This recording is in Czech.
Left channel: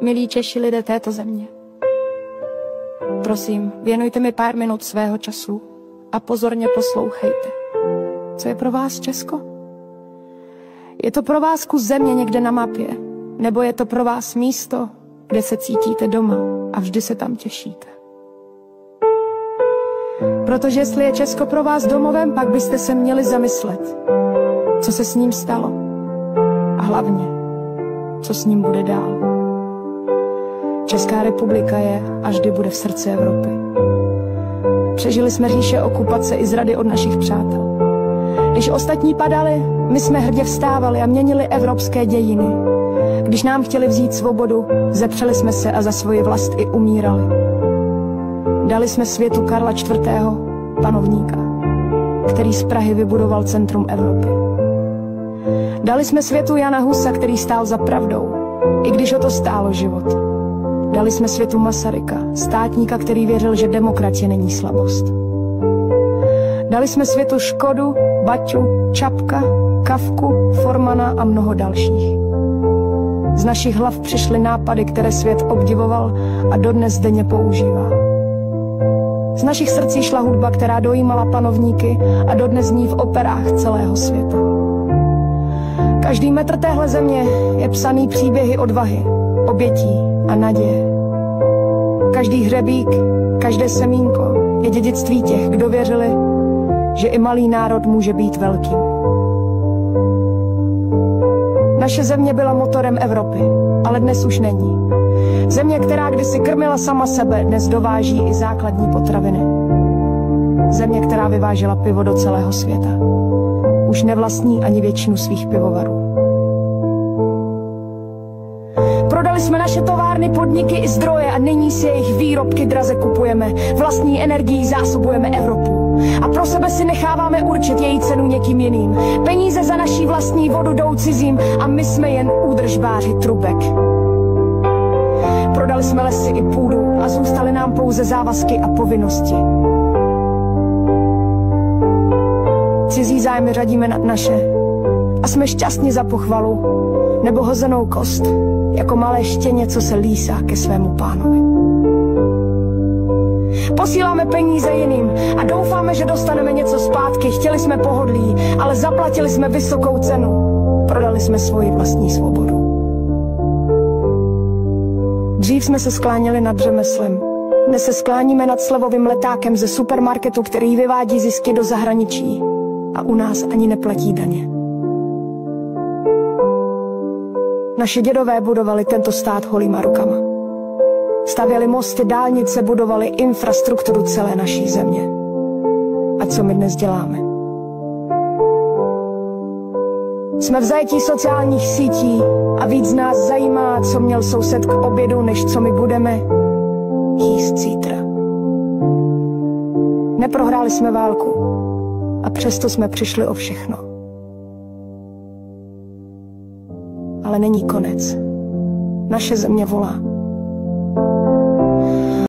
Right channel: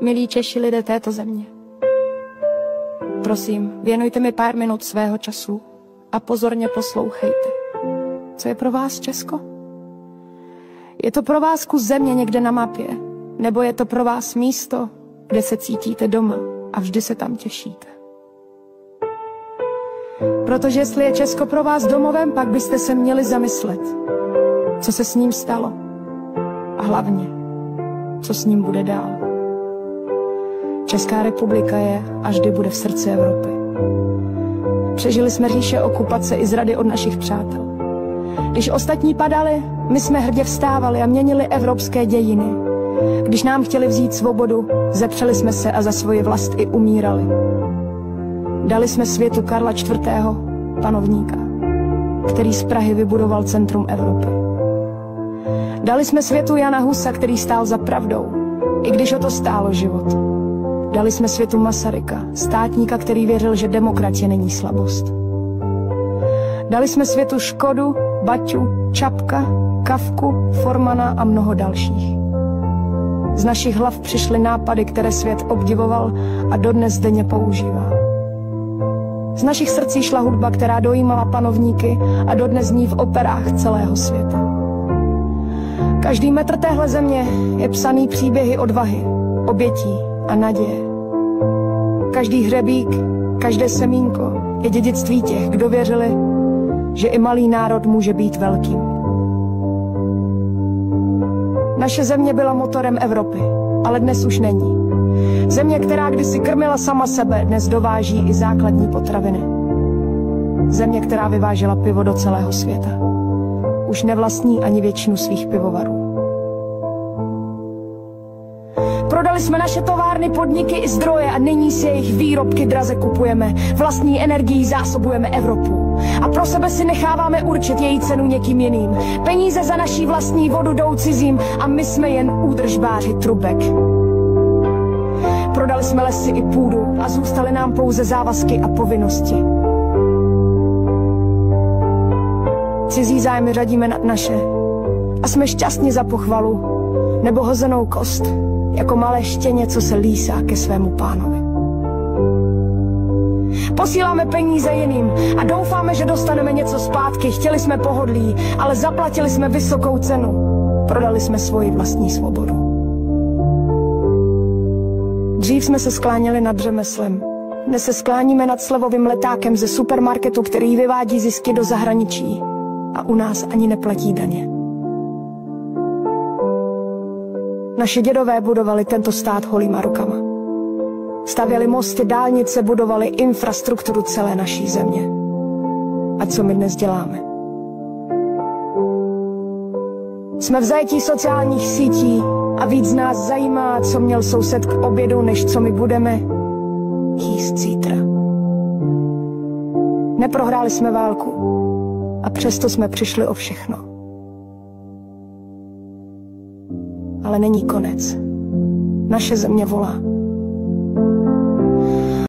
milí Češi, lidé této země. Prosím, věnujte mi pár minut svého času a pozorně poslouchejte. Co je pro vás Česko? Je to pro vás kus země někde na mapě? Nebo je to pro vás místo, kde se cítíte doma a vždy se tam těšíte? Protože jestli je Česko pro vás domovem, pak byste se měli zamyslet, co se s ním stalo. A hlavně, co s ním bude dál. Česká republika je a vždy bude v srdci Evropy. Přežili jsme říše okupace i zrady od našich přátel. Když ostatní padali, my jsme hrdě vstávali a měnili evropské dějiny. Když nám chtěli vzít svobodu, zepřeli jsme se a za svoji vlast i umírali. Dali jsme světu Karla IV., panovníka, který z Prahy vybudoval centrum Evropy. Dali jsme světu Jana Husa, který stál za pravdou, i když o to stálo život. Dali jsme světu Masaryka, státníka, který věřil, že demokracie není slabost. Dali jsme světu Škodu, Baťu, Čapka, Kafku, Formana a mnoho dalších. Z našich hlav přišly nápady, které svět obdivoval a dodnes denně používá. Z našich srdcí šla hudba, která dojímala panovníky a dodnes zní v operách celého světa. Každý metr téhle země je psaný příběhy odvahy, obětí a naděje. Každý hřebík, každé semínko je dědictví těch, kdo věřili, že i malý národ může být velkým. Naše země byla motorem Evropy, ale dnes už není. Země, která kdysi krmila sama sebe, dnes dováží i základní potraviny. Země, která vyvážela pivo do celého světa, už nevlastní ani většinu svých pivovarů. Prodali jsme naše továrny, podniky i zdroje a nyní si jejich výrobky draze kupujeme. Vlastní energií zásobujeme Evropu. A pro sebe si necháváme určit její cenu někým jiným. Peníze za naší vlastní vodu jdou cizím a my jsme jen údržbáři trubek. Prodali jsme lesy i půdu a zůstaly nám pouze závazky a povinnosti. Cizí zájmy řadíme nad naše a jsme šťastní za pochvalu nebo hozenou kost, jako malé štěně, co se lísá ke svému pánovi. Posíláme peníze jiným a doufáme, že dostaneme něco zpátky. Chtěli jsme pohodlí, ale zaplatili jsme vysokou cenu. Prodali jsme svoji vlastní svobodu. Dřív jsme se skláněli nad řemeslem. Dnes se skláníme nad slevovým letákem ze supermarketu, který vyvádí zisky do zahraničí a u nás ani neplatí daně. Naši dědové budovali tento stát holýma rukama. Stavěli mosty, dálnice, budovali infrastrukturu celé naší země. A co my dnes děláme? Jsme v zajetí sociálních sítí a víc nás zajímá, co měl soused k obědu, než co my budeme jíst zítra. Neprohráli jsme válku a přesto jsme přišli o všechno. Ale není konec. Naše země volá.